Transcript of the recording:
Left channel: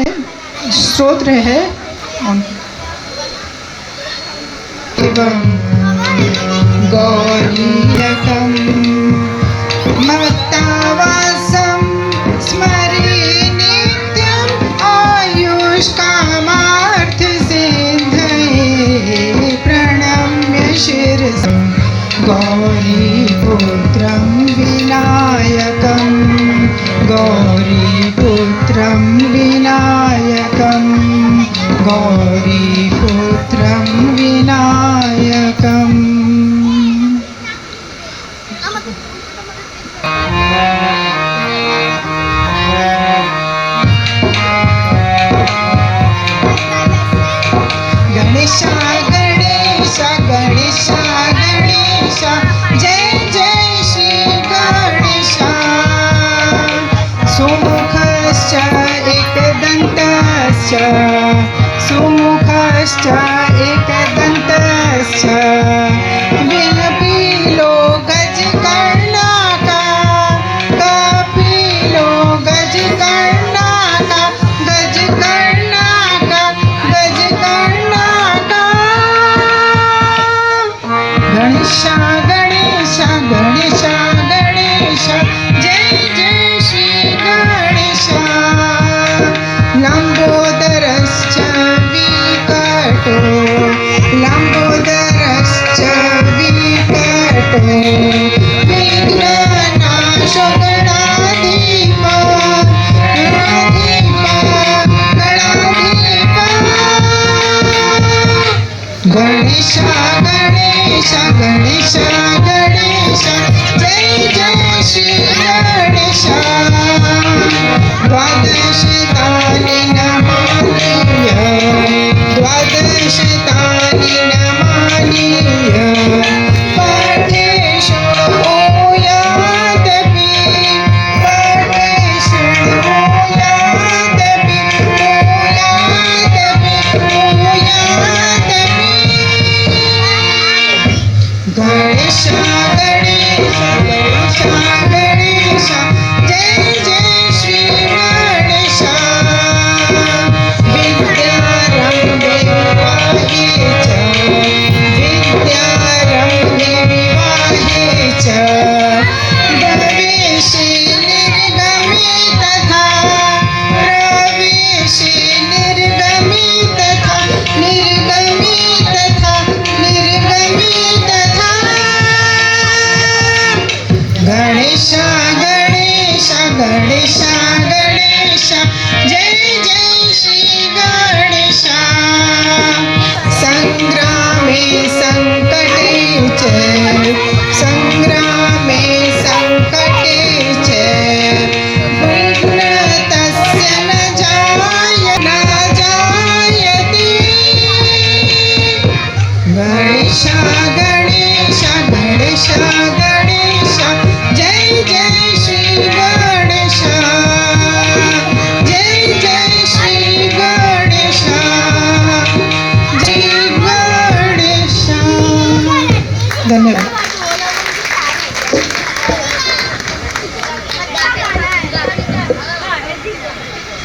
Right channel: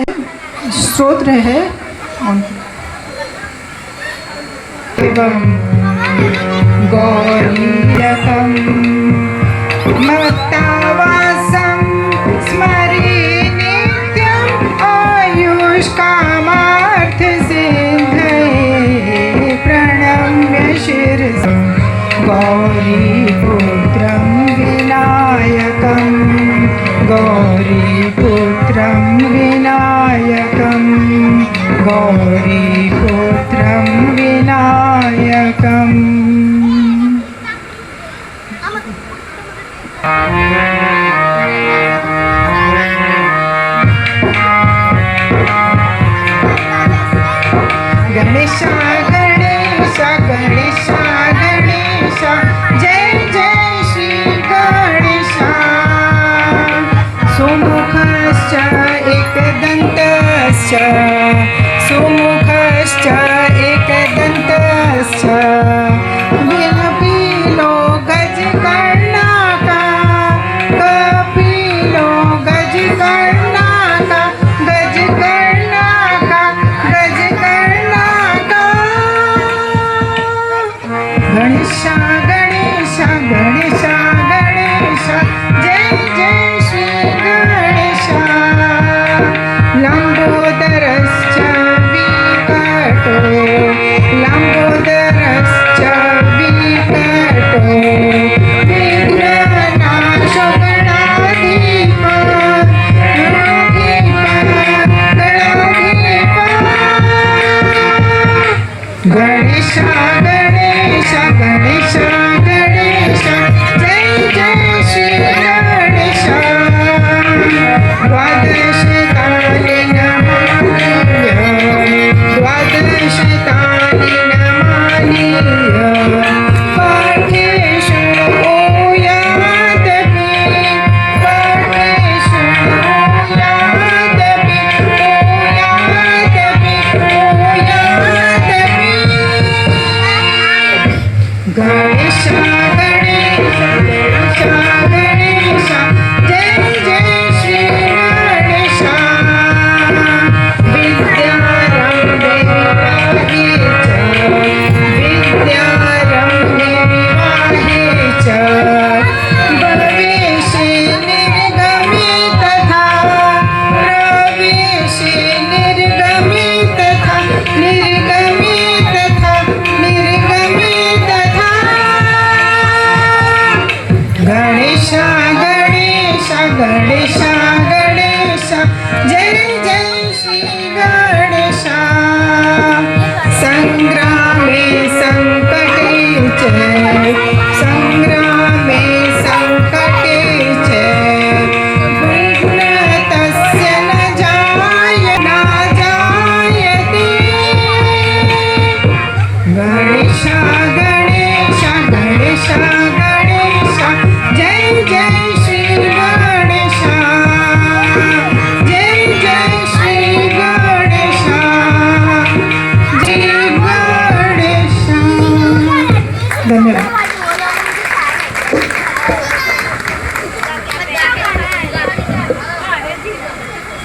स्तोत्र है गौरीयकं मत्तावासं स्मरे नित्यम् आयुष्कामार्थसिद्धये प्रणम्य शिरसा गौरीपुत्रं विनायकं गौरीपुत्रं विनायकं गौरीपुत्रं विनायकम् गणेशा गणेशा गणेशा गणेशा जय जय श्री गणेशा सुमुखश्च एकदन्तश्च सुमुखश्च एकदन्तश्च विलपिलो गजकर्णका कपिलो गजकर्णका गजकर्णका गजकर्णका गणेशा गणेशा गणेशा गणेशा जय जय श्री गणेशा लंबोदरश्च विकटो लंबोदरश्च विकटो विघ्ननाशो गणाधिप गणाधिप गणेशा